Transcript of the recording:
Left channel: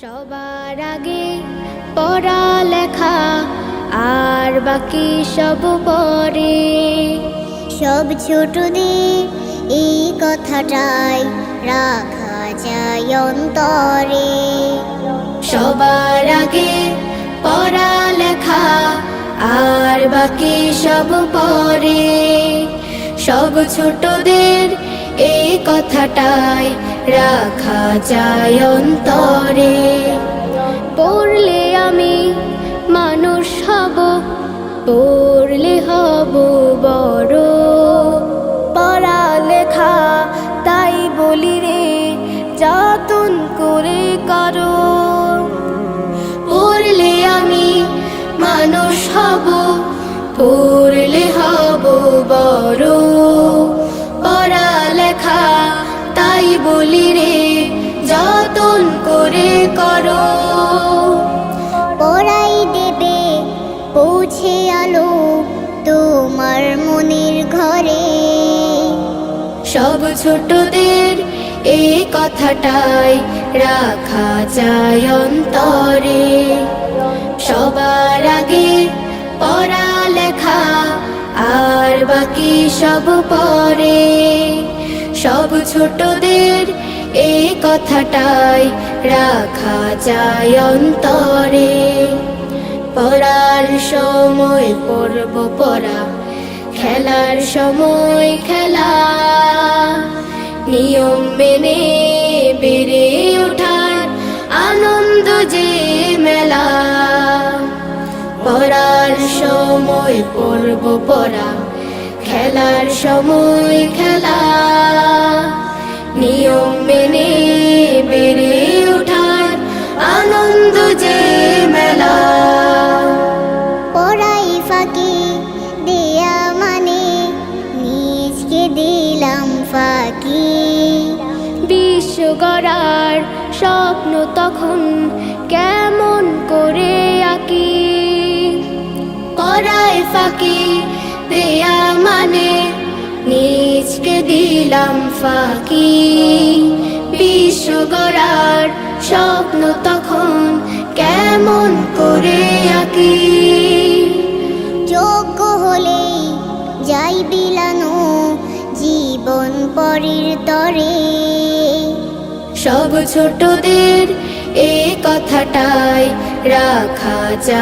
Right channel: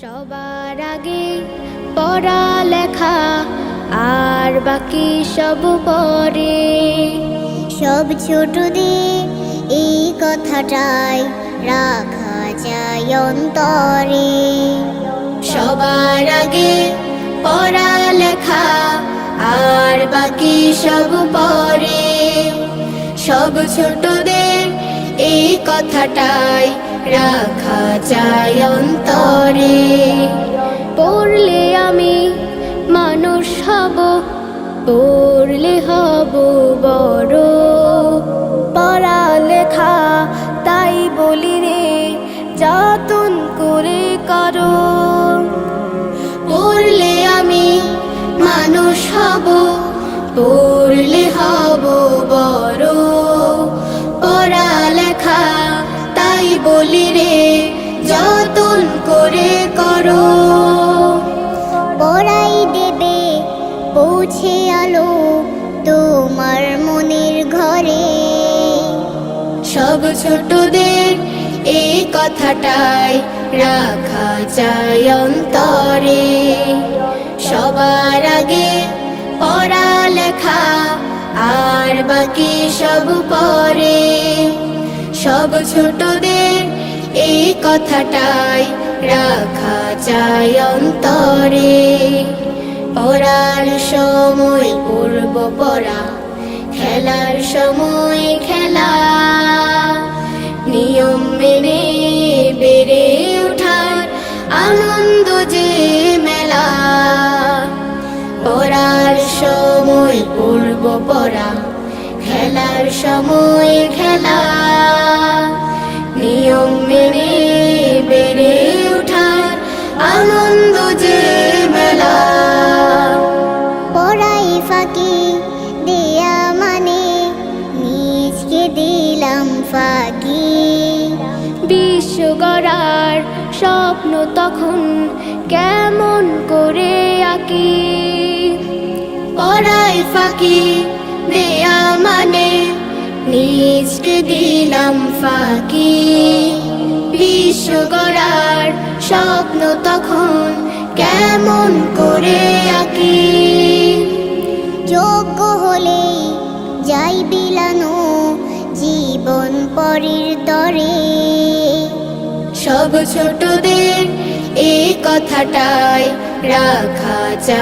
সবার আগে পড়ালেখা আর বাকি সব পরে। সব ছোটদের এই কথাটাই রাখা যায় অন্তরে। সবার আগে পড়ালেখা আর বাকি সব পরে। সব ছোটদের এই কথাটাই রাখা যায় অন্তরে। পড়লে আমি মানুষ হব, পড়লে হব বড়। পড়ালেখা তাই বলি রে, যতন করে করো। পড়লে আমি মানুষ হব, পড়লে হব বড়। পড়ালেখা তাই বলি রে, যতন করে করো। পড়াই দেবে পৌঁছে আলো তোমার মনের ঘরে। সব ছোটদের এই কথাটাই রাখা চাই অন্তরে। সবার আগে পড়ালেখা আর বাকি সব পরে। সব ছোটদের এই কথাটাই রাখা চাই অন্তরে। পড়ার সময় পড়ব পড়া, খেলার সময় খেলা। নিয়ম মেনে বেড়ে ওঠার আনন্দ যে মেলা। পড়ার সময় পড়ব পড়া, খেলার সময় খেলা। নিয়ম মেনে বেড়ে ওঠার আনন্দ যে মেলা। পড়াই ফাঁকি দেয়া মানে নিজকে দিলাম ফাঁকি। বিশ্ব গড়ার স্বপ্ন তখন কেমন করে আঁকি। পড়ায় ফাঁকি দেয়া মানে নিজকে দিলাম ফাঁকি। বিশ্ব গড়ার স্বপ্ন তখন কেমন করে আঁকি। যোগ্য হলেই যাই বিলানো জীবন পরের তরে। সব ছোটদের এই কথাটাই রাখা চাই।